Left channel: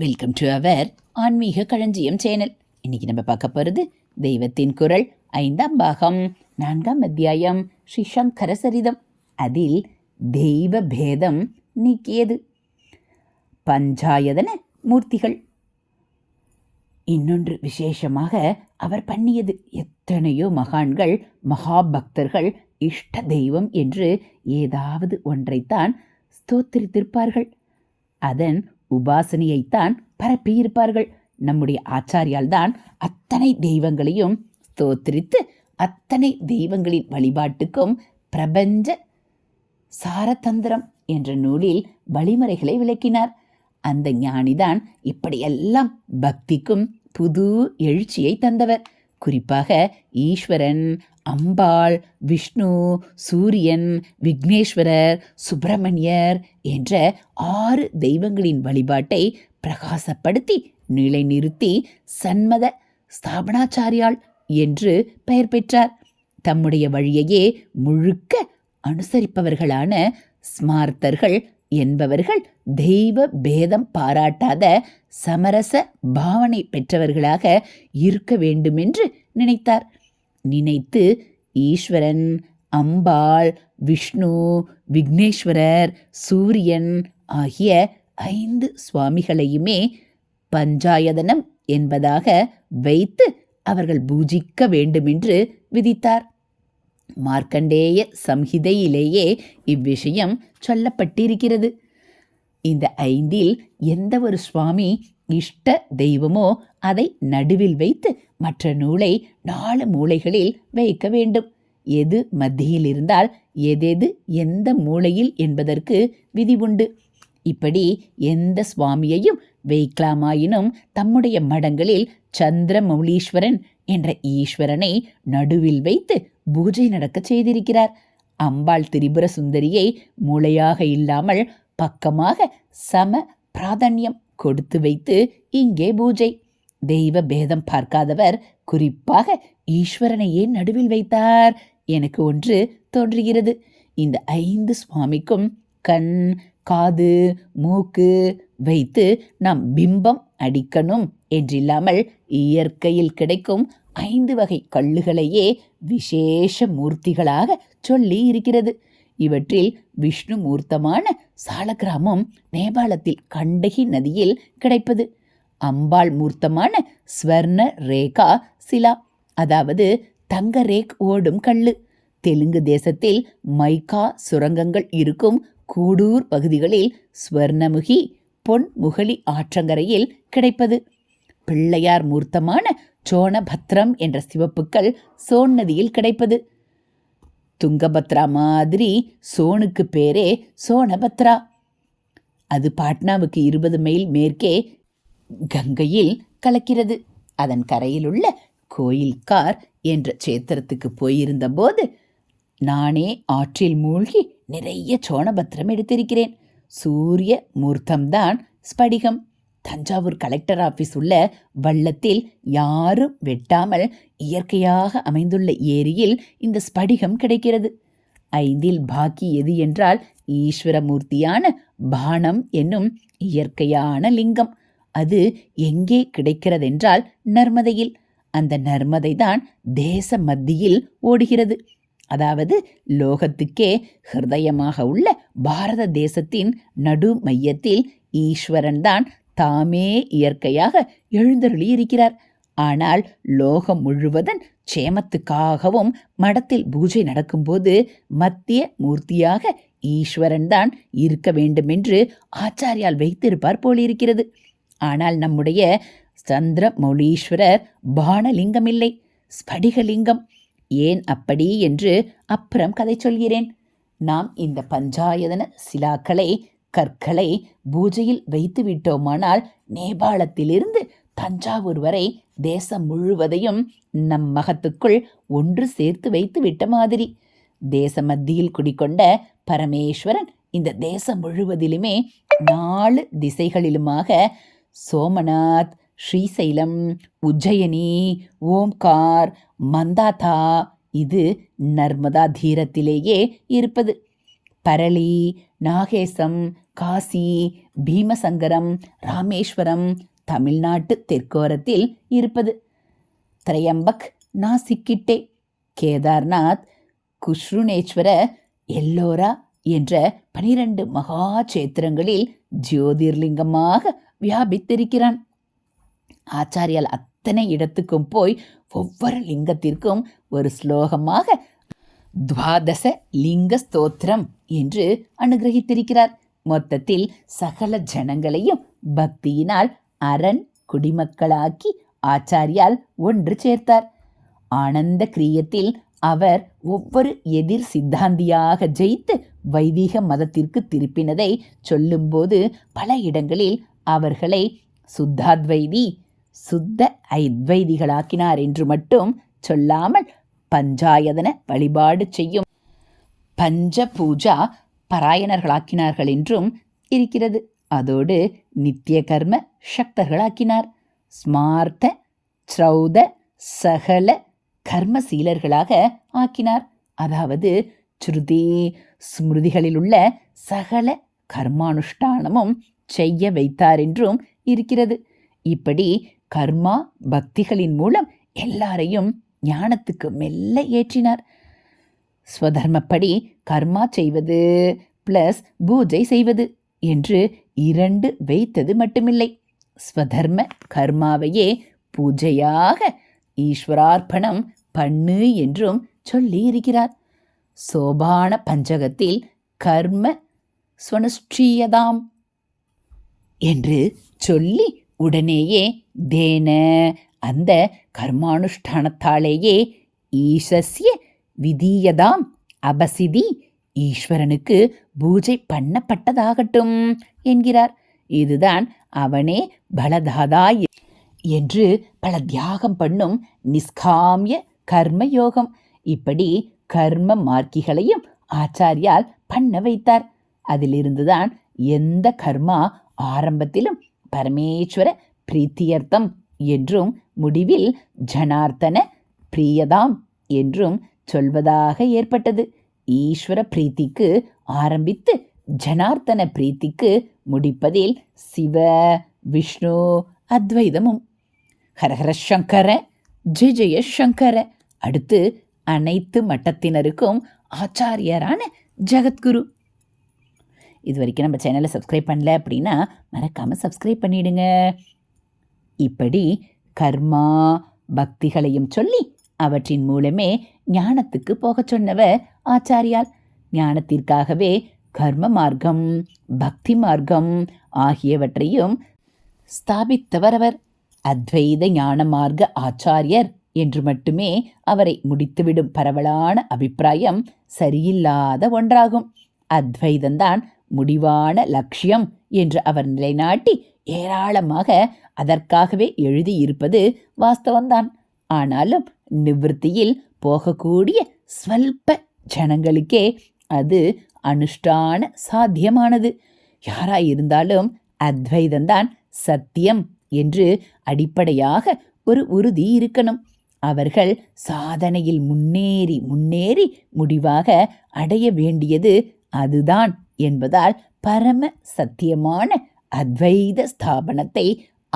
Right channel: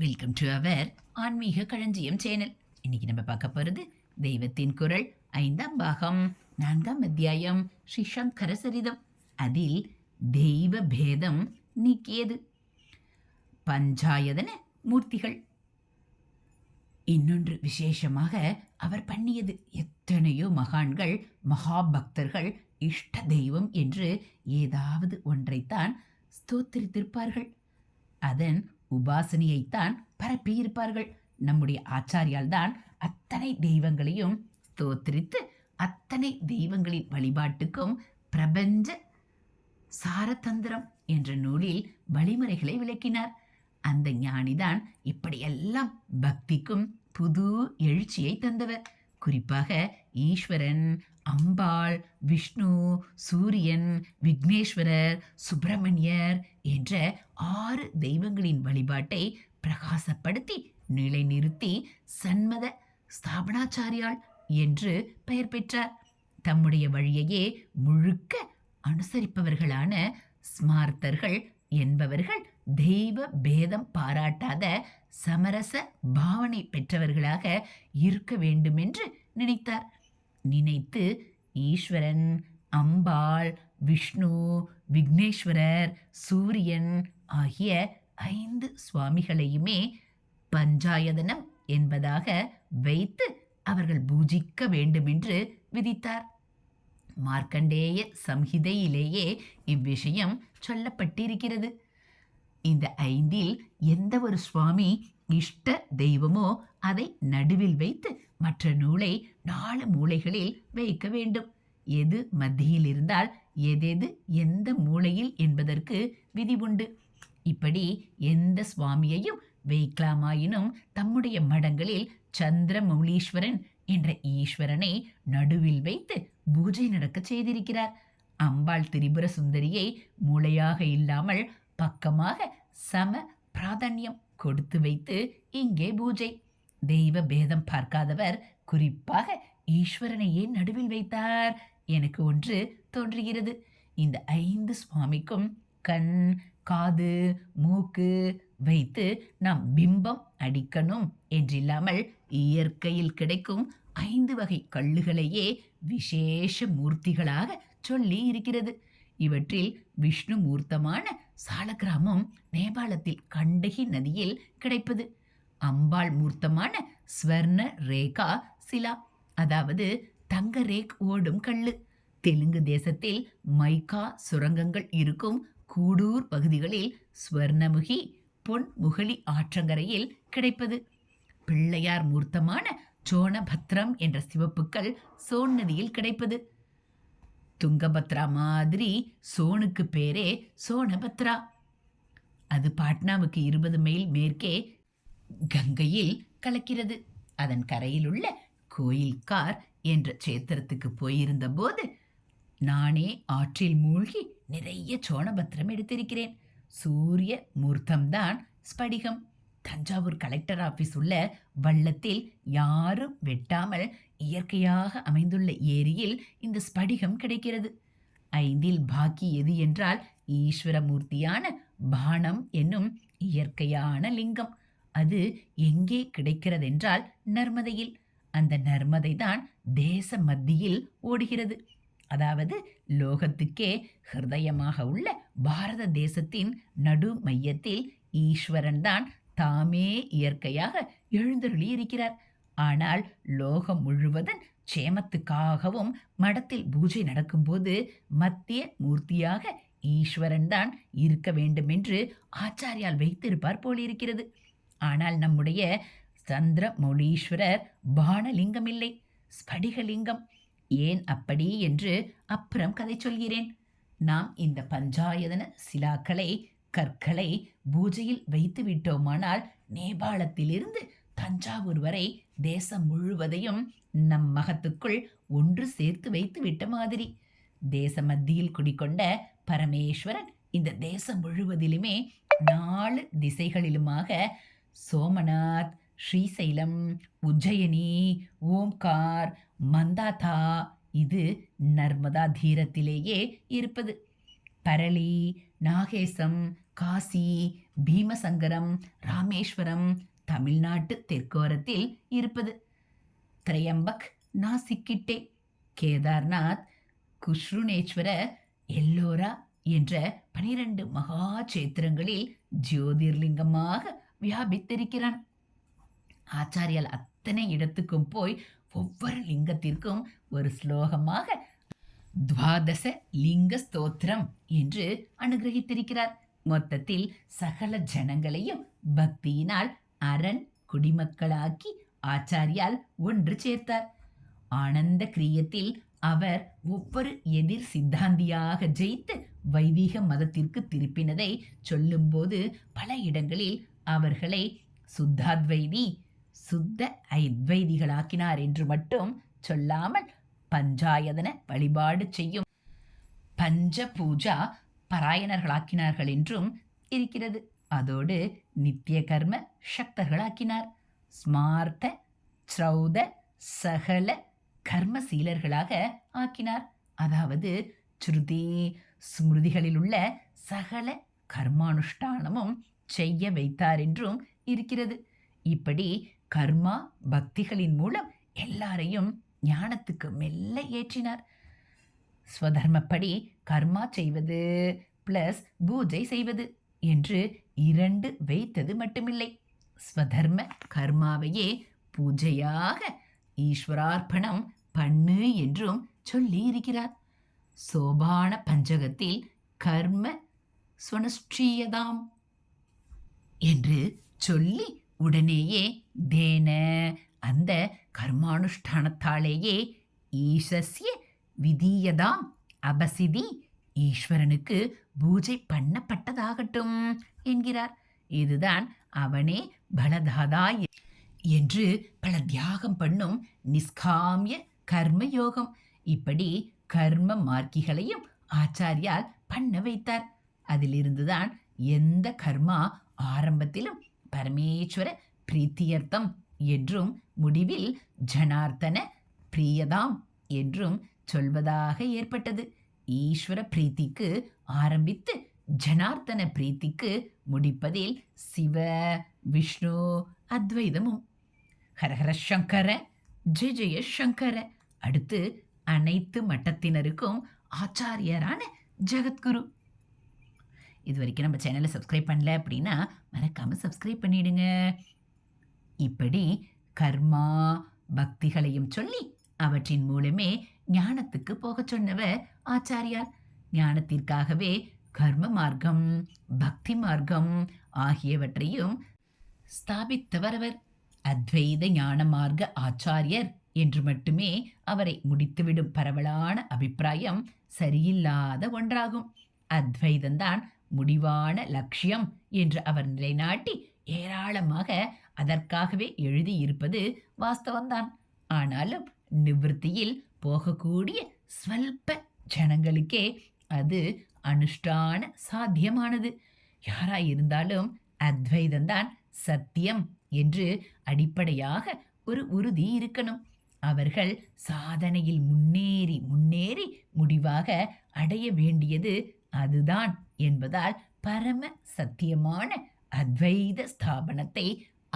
Welcome to our ஆன்மீக களஞ்சியம் channel. இன்னைக்கு நம்ம பார்க்க போகிறது தெய்வத்தின் குரல் ஐந்தாம் பாகம் நான்காம் அத்தியாயம் ஸ்ரீ சங்கர சரிதம். அதில் தெய்வ பேதம் நீக்கியது. பஞ்சாயதன மூர்த்திகள். இன்னொன்று விசேஷமாக அவர் பண்ணியது. எத்தனையோ மகான்கள் மகாபக்தர்கள் இஷ்ட தெய்வம் என்று ஏதாவது ஒன்றைத்தான் ஸ்தோத்திரித்திருப்பார்கள். அதன் உபாசனையைத்தான் பரப்பியிருப்பார்கள். நம்முடைய ஆச்சாரியால் தான் அத்தனை தெய்வங்களையும் தோத்திரித்து அத்தனை தெய்வங்களின் வழிபாட்டுக்கும் பிரபஞ்ச சாரதந்திரம் என்ற நூலில் வழிமுறைகளை விளக்கினார். அந்த ஞானிதான் இப்படியெல்லாம் பக்திக்கும் புது எழுச்சியை தந்தவர். குறிப்பாக ஈஸ்வரன் அம்பாள் விஷ்ணு சூரியன் விக்னேஸ்வரர் சுப்பிரமணியர் என்ற ஆறு தெய்வங்களின் வழிபாட்டை பிரகாசப்படுத்தி நிலைநிறுத்தி சன்மத ஸ்தாபனாச்சாரியாள் என்று பெயர் பெற்றார். தம்முடைய வழியையே முழுக்க அனுசரிப்பவர்களான ஸ்மார்த்தர்கள் என்பவர்கள் தெய்வ பேதம் பாராட்டாத சமரச பாவனை பெற்றவர்களாக இருக்க வேண்டுமென்று நினைத்தார். நினைத்து ஈஸ்வரன் அம்பாள் விஷ்ணு விக்னேஸ்வரர் சூரியன் ஆகிய ஐந்து சுவாமிகளையுமே பஞ்சாயதனம் என்பதாக வைத்து அவர்கள் பூஜிக்க வேண்டுமென்று விதித்தார். மார்க்கண்டேய சம்ஹிதையிலேயே இவ்விஷயம் சொல்லப்பட்டிருக்கிறது. இந்த ஐந்தில் எந்த ஒரு சுவாமி இஷ்ட தெய்வமோ அதை நடுவில் வைத்து மற்ற நூலை நாலு மூலைகளில் வைக்க வேண்டும். எது மத்தியில் இருந்தால் எதெது எந்த மூலையில் என்பதற்கு விதி உண்டு. இப்படி எந்த சுவாமியையும் வைக்கலாமாயினும் தம்முடைய மடங்களில் சந்திரமௌளீஸ்வரன் என்ற ஈஸ்வரனை நடுவில் வைத்து பூஜை நடக்கச் செய்திருக்கிறார். அம்பாள் திரிபுர சுந்தரியை மூளையாக இல்லாமல் பக்கமாக சம பிராதன்யம். கொடுத்து வைத்து இங்கே பூஜை. தெய்வ பேதம் பார்க்காதவர் குறிப்பாக ஈஸ்வரனையே நடுவில் வைத்தார்? எனக்கு ஒன்று தோன்றுகிறது. இந்த ஐந்து சுவாமிக்கும் கண் காது மூக்கு வைத்து நாம் பிம்பம் அடிக்கணும் என்றில்லாமல் இயற்கையில் கிடைக்கும் ஐந்து வகை கல்லுகளையே விசேஷ மூர்த்திகளாக சொல்லி இருக்கிறது. இவற்றில் விஷ்ணு மூர்த்தமான சாலக்கிராமம் நேபாளத்தில் கண்டகி நதியில் கிடைப்பது. அம்பாள் மூர்த்தமான ஸ்வர்ண ரேகா சிலா அதாவது தங்க ரேக் ஓடும் கல்லு. தெலுங்கு தேசத்தில் மைக்கா சுரங்கங்கள் இருக்கும் கூடூர் பகுதிகளில் ஸ்வர்ணமுகி பொன் முகலி ஆற்றங்கரையில் கிடைப்பது. பிள்ளையார் மூர்த்தமான சோனபத்ரம் என்ற சிவப்புக்கள் சோன் நதியில் கிடைப்பது. துங்கபத்ரா மாதிரி சோனுக்கு பேரே சோனபத்ரா அது பாட்னாவுக்கு இருபது மைல் மேற்கே கங்கையில் கலக்கிறது. அதன் கரையிலுள்ள கோயில்கார் என்ற சேத்திரத்துக்கு போயிருந்தபோது நானே ஆற்றில் மூழ்கி நிறைய சோனபத்திரம் எடுத்திருக்கிறேன். சூரிய மூர்த்தம்தான் ஸ்படிகம். தஞ்சாவூர் கலெக்டர் ஆஃபீஸ் உள்ள வள்ளத்தில் யாரும் வெட்டாமல் இயற்கையாக அமைந்துள்ள ஏரியில் இந்த ஸ்படிகம் கிடைக்கிறது. ஐந்தில் பாக்கி எது என்றால் ஈஸ்வரமூர்த்தியான பானம் என்னும் இயற்கையான லிங்கம். அது எங்கே கிடைக்கிறதென்றால் நர்மதையில். அந்த நர்மதை தான் தேச மத்தியில் ஓடுகிறது. அதாவது லோகத்துக்கே ஹிருதயமாக உள்ள பாரத தேசத்தின் நடு மையத்தில் ஈஸ்வரன் தான் தாமே இயற்கையாக எழுந்தருளி இருக்கிறார் ஆனால் லோகம் முழுவதன் க்ஷேமத்துக்காகவும் மடத்தில் பூஜை நடக்கும்போது மத்திய மூர்த்தியாக ஈஸ்வரன் தான் இருக்க வேண்டுமென்று ஆச்சாரியால் வைத்திருப்பார் போலிருக்கிறது. ஆனால் நம்முடைய சந்திரமௌலீஸ்வரர் மௌலீஸ்வரர் பானலிங்கமில்லை. ஸ்படிகலிங்கம். ஏன் அப்படி என்று அப்புறம் கதை சொல்கிறேன். நாம் இந்த பஞ்சாயதன சிலாக்களை கற்களை பூஜையில் வைத்து விட்டோமானால் நேபாளத்திலிருந்து தஞ்சாவூர் வரை தேசம் முழுவதையும் நம் மகத்துக்குள் ஒன்று சேர்த்து வைத்து விட்ட மாதிரி. தேச மத்தியில் குடிக்கொண்ட பரமேஸ்வரன் இந்த தேசம் முழுவதிலுமே நாலு திசைகளிலுமாக சோமநாத் ஸ்ரீசைலம் உஜ்ஜயனி ஓம்கார் மந்தாதா இது நர்மதா தீரத்திலேயே இருப்பது. பரளி நாகேசம் காசி பீமசங்கரம் ராமேஸ்வரம் தமிழ்நாட்டு தெற்கோரத்தில் இருப்பது. திரையம்பக் நாசிக்கிட்டே. கேதார்நாத் குஷ்ருணேஸ்வர எல்லோரா என்ற பனிரெண்டு மகா சேத்திரங்களில் ஜோதிர்லிங்கமாக வியாபித்திருக்கிறான். ஆச்சாரியால் அத்தனை இடத்துக்கும் போய் ஒவ்வொரு லிங்கத்திற்கும் ஒரு ஸ்லோகமாக துவாதச லிங்க ஸ்தோத்திரம் என்று அனுகிரகித்திருக்கிறார். மொத்தத்தில் சகல ஜனங்களையும் பக்தியினால் அரண் குடிமக்களாக்கி ஆச்சாரியால் ஒன்று சேர்த்தார். ஆனந்த கிரியத்தில் அவர் ஒவ்வொரு எதிர் சித்தாந்தியாக ஜெயித்து வைதிக மதத்திற்கு திருப்பினதை சொல்லும்போது பல இடங்களில் அவர்களை சுத்தாத்வைதி சுத்த ஐத்வைதிகளாக்கினார் என்று மட்டும் சொல்லாமல் பஞ்சாயதன வழிபாடு செய்யும். பஞ்ச பூஜா பராயணர்களாக்கினார்கள் என்றும் இருக்கிறது. அதோடு நித்திய கர்ம சக்தர்களாக்கினார். ஸ்மார்த்த ஸ்ரௌத சகல கர்மசீலர்களாக ஆக்கினார். அதாவது ஸ்ருதி ஸ்மிருதிகளில் உள்ள சகல கர்மானுஷ்டானமும் செய்ய வைத்தார் என்றும் இருக்கிறது. இப்படி கர்மா பக்திகளின் மூலம் எல்லாரையும் ஞானத்துக்கு மெல்ல ஏற்றினார். ஸ்வதர்மப்படி கர்மா செய்வது ப்ளஸ் பூஜை செய்வது என்று இரண்டு வைத்தது மட்டுமில்லை. ஸ்வதர்ம கர்மாவையே பூஜையாக ஈஸ்வரார்ப்பணம் பண்ணு என்றும் சொல்லி இருக்கிறார் சோபான பஞ்சகத்தில் கர்ம ஸ்வனுஷ்டீயதாம் என்று சொல்லி உடனேயே தேன அந்த கர்மானுஷ்டானத்தாலேயே ஈசஸ்ய விதீயதாம் அபசிதி ஈஸ்வரனுக்கு பூஜை பண்ணப்பட்டதாகட்டும் என்கிறார். இதுதான் அவனே பலதாதா என்று பல தியாகம் பண்ணும் நிஷ்காமிய கர்ம யோகம் இப்படி கர்ம மார்க்கிகளையும் ஆச்சாரியால் பண்ண வைத்தார். அதிலிருந்துதான் எந்த கர்மா ஆரம்பத்திலும் பரமேஸ்வர பிரீத்தியர்த்தம் என்றும் முடிவில் ஜனார்த்தன பிரியதாம் என்றும் சொல்வதாக ஏற்பட்டது. ஈஸ்வர பிரீத்திக்கு ஆரம்பித்து ஜனார்த்தன பிரீத்திக்கு முடிப்பதில் சிவ விஷ்ணு அத்வைதமும். ஹரஹர சங்கர ஜெய ஜெய சங்கர. அடுத்து அனைத்து மட்டத்தினருக்கும் ஆச்சாரியரான ஜெகத்குரு. இது வரைக்கும் நம்ம சேனலை சப்ஸ்கிரைப் பண்ணல அப்படின்னா மறக்காமல் சப்ஸ்கிரைப் பண்ணிடுங்க. இப்படி கர்மா பக்திகளையும் சொல்லி அவற்றின் மூலமே ஞானத்துக்கு போகச் சொன்னவர் ஆச்சாரியார். ஞானத்திற்காகவே கர்ம மார்க்கம் பக்தி மார்க்கம் ஆகியவற்றையும் ஸ்தாபித்தவர் அவர் அத்வைத ஞான மார்க்க ஆச்சாரியர் என்று மட்டுமே அவரை முடித்துவிடும் பரவலான அபிப்பிராயம் சரியில்லாத ஒன்றாகும். அத்வைதந்தான் முடிவான லட்சியம் என்று அவர் நிலைநாட்டி ஏராளமாக அதற்காகவே எழுதியிருப்பது வாஸ்தவம்தான். ஆனாலும் நிவிருத்தியில் போகக்கூடிய ஸ்வல்ப ஜனங்களுக்கே அது அனுஷ்டான சாத்தியமானது. யாராயிருந்தாலும் அத்வைதந்தான் சத்தியம் என்று அடிப்படையாக ஒரு உறுதி இருக்கணும். அவர்கள் சாதனையில் முன்னேறி முன்னேறி முடிவாக அடைய வேண்டியது அதுதான் என்பதால் பரம சத்தியமான அத்வைத ஸ்தாபனத்தை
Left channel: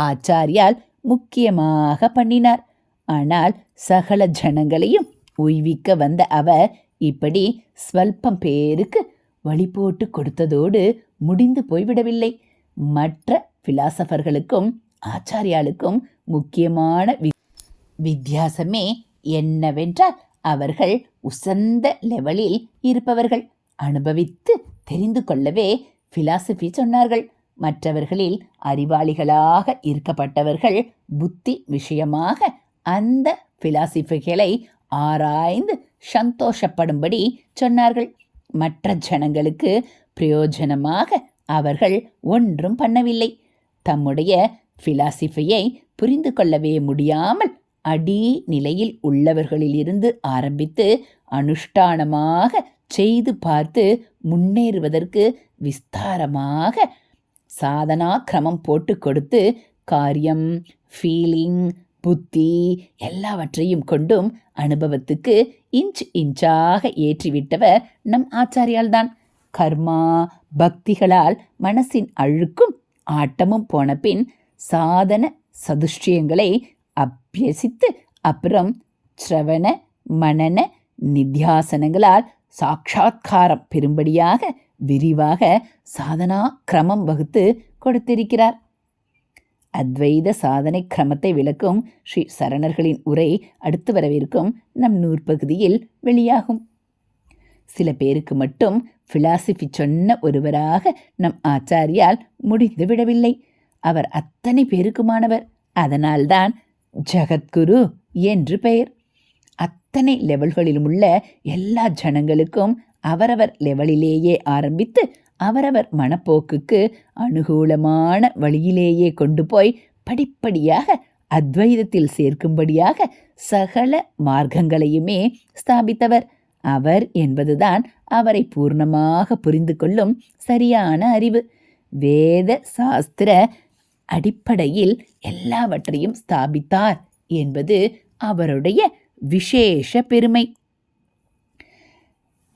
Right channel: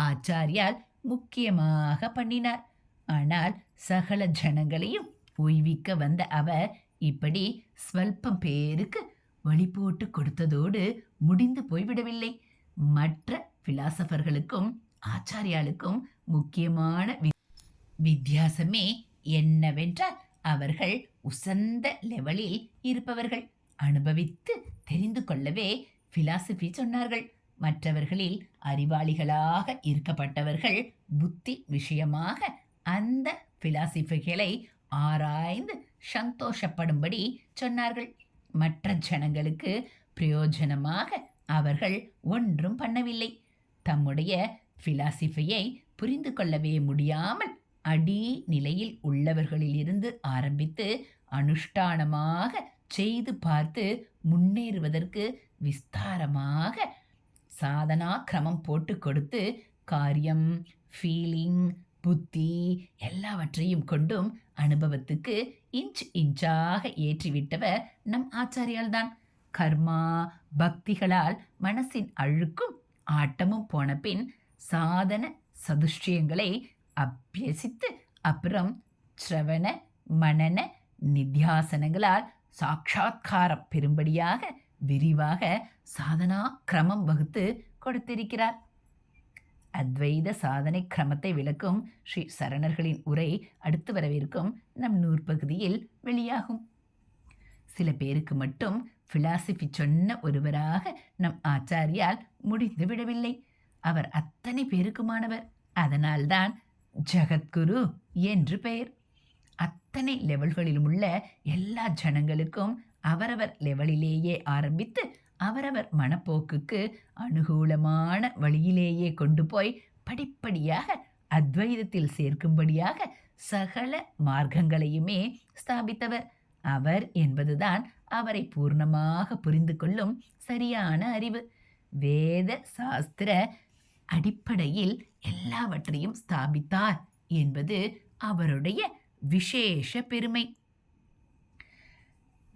ஆச்சாரியால் முக்கியமாக பண்ணினார். ஆனால் சகல ஜனங்களையும் உய்விக்க வந்த அவர் இப்படி ஸ்வல்பம் பேருக்கு வழி போட்டு கொடுத்ததோடு முடிந்து போய்விடவில்லை. மற்ற பிலாசபர்களுக்கும் ஆச்சாரியாளுக்கும் முக்கியமான வி- வித்தியாசமே என்னவென்றால் அவர்கள் உசந்த லெவலில் இருப்பவர்கள். அனுபவித்து தெரிந்து கொள்ளவே பிலாசபி சொன்னார்கள். மற்றவர்களில் அறிவாளிகளாக இருக்கப்பட்டவர்கள் புத்தி விஷயமாக அந்த பிலாசிபிகளை ஆராய்ந்து சந்தோஷப்படும்படி சொன்னார்கள். மற்ற ஜனங்களுக்கு பிரயோஜனமாக அவர்கள் ஒன்றும் பண்ணவில்லை. தம்முடைய பிலாசிபியை புரிந்து கொள்ளவே முடியாமல் அடி நிலையில் உள்ளவர்களிலிருந்து ஆரம்பித்து அனுஷ்டானமாக செய்து பார்த்து முன்னேறுவதற்கு விஸ்தாரமாக சாதனா கிரமம் போட்டு கொடுத்து காரியம் ஃபீலிங் புத்தி எல்லாவற்றையும் கொண்டும் அனுபவத்துக்கு இன்ச் இன்ச்சாக ஏற்றிவிட்டவர் நம் ஆச்சாரியால்தான். கர்மா பக்திகளால் மனசின் அழுக்கும் ஆட்டமும் போன பின் சாதன சதுஷ்டியங்களை அபியசித்து அப்புறம் ஸ்ரவண மனன நித்தியாசனங்களால் சாட்சா்காரம் பெறும்படியாக விரிவாக சாதனா கிரமம் வகுத்து கொடுத்திருக்கிறார். அத்வைத சாதனை கிரமத்தை விளக்கும் ஸ்ரீ சரணர்களின் உரை அடுத்து வரவிருக்கும் நம் நூற்பகுதியில் வெளியாகும். சில பேருக்கு மட்டும் பிலாசபி சொன்ன ஒருவராக நம் ஆச்சாரியால் முடிந்து விடவில்லை. அவர் அத்தனை பேருக்குமானவர். அதனால்தான் ஜகத்குரு என்று பெயர். அத்தனை லெவல்களிலும் உள்ள எல்லா ஜனங்களுக்கும் அவரவர் லெவலிலேயே ஆரம்பித்து அவரவர் மனப்போக்குக்கு அனுகூலமான வழியிலேயே கொண்டு போய் படிப்படியாக அத்வைதத்தில் சேர்க்கும்படியாக சகல மார்க்கங்களையுமே ஸ்தாபித்தவர். அவர் என்பதுதான் அவரை பூர்ணமாக புரிந்து கொள்ளும் சரியான அறிவு. வேத சாஸ்திர அடிப்படையில் எல்லாவற்றையும் ஸ்தாபித்தார் என்பது அவருடைய விசேஷ பெருமை.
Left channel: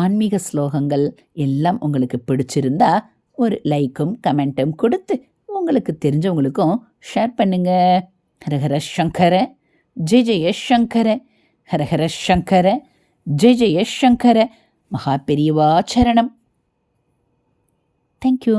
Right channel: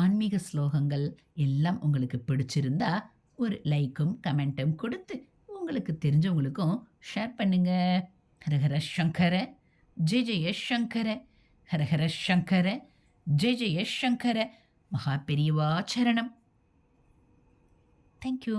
ஆன்மீக ஸ்லோகங்கள் எல்லாம் உங்களுக்கு பிடிச்சிருந்தா ஒரு லைக்கும் கமெண்ட்டும் கொடுத்து உங்களுக்கு தெரிஞ்சவங்களுக்கும் ஷேர் பண்ணுங்க. ஹரஹர சங்கர ஜெய ஜெய சங்கர ஹரஹர சங்கர ஜெய ஜெய சங்கர மகா பெரியவா சரணம். தேங்க்யூ